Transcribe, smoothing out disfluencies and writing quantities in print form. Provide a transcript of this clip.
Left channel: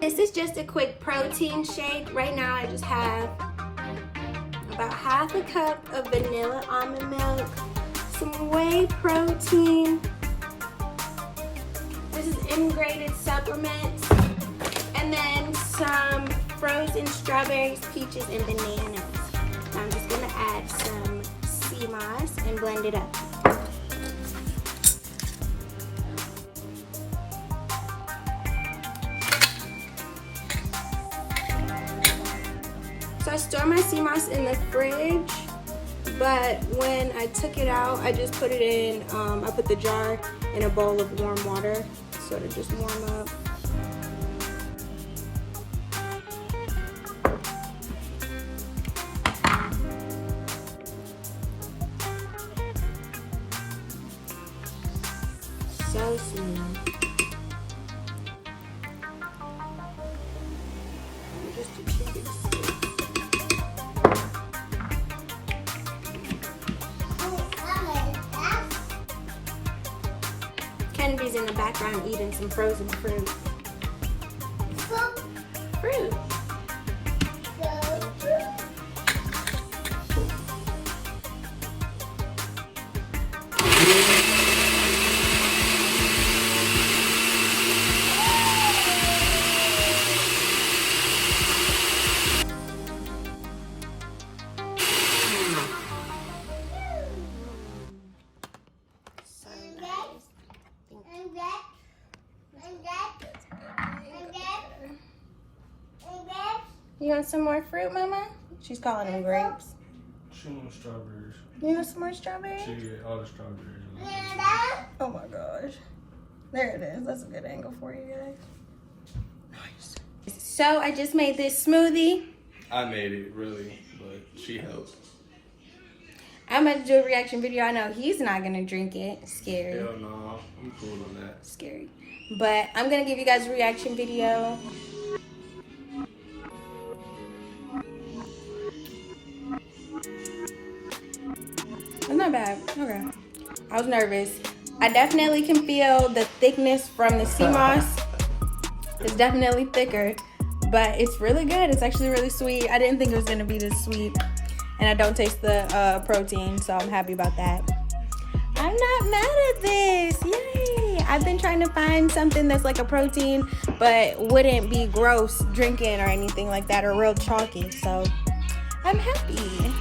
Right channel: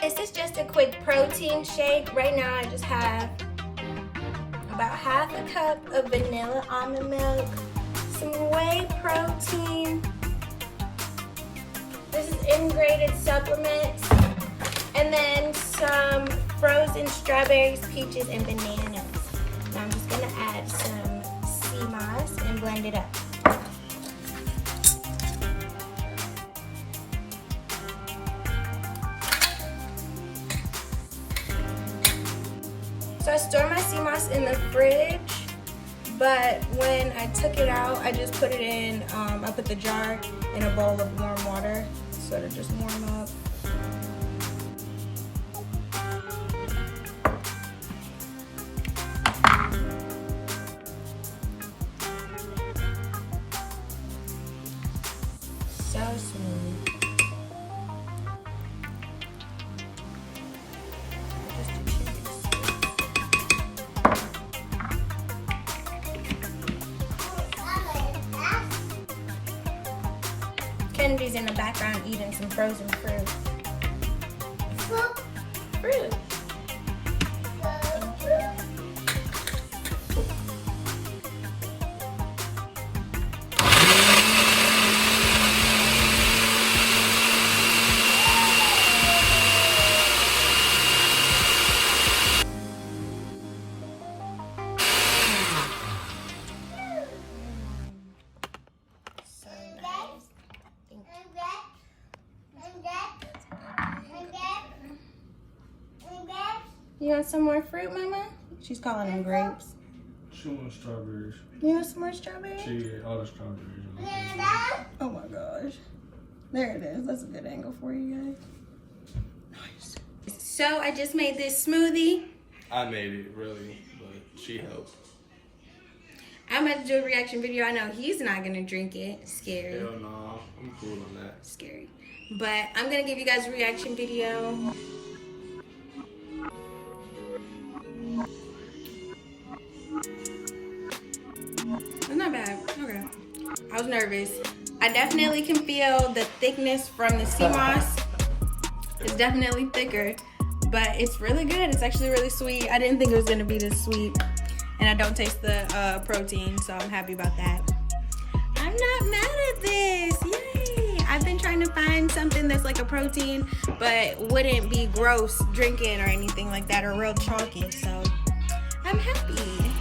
This is just a quick protein shake. Right now I just have about half a cup of vanilla almond milk, some whey protein, this is integrated supplements, and then some frozen strawberries, peaches, and bananas. And I'm just gonna add some sea moss and blend it up. So I store my sea moss in the fridge, but when I took it out, I just put it in, I put the jar in a bowl of warm water so to just warm up. So smooth. Kennedy's in the background eating some frozen fruit. Fruit. You want some more fruit, Mama? She's calling them grapes. She wants strawberries. You want some more strawberries? She ate all the strawberries. Oh my gosh. There it is. That's a good angle for you guys. Nice. So I just made this smoothie. I made it, really, but she helped. I'm about to do a reaction video. I know he's not going to drink it. Scary. Hell no, I'm cool on that. Scary. But I'm going to give you guys a reaction video. It's not bad. Okay. I was nervous. I definitely can feel the thickness from the sea moss. It's definitely thicker, but it's really good. It's actually really sweet. I didn't think it was going to be this sweet. And I don't taste the protein, so I'm happy about that. I'm not mad at this. Yay! I've been trying to find something that's like a protein, but wouldn't be gross drinking or anything like that, or real chalky. So I'm happy.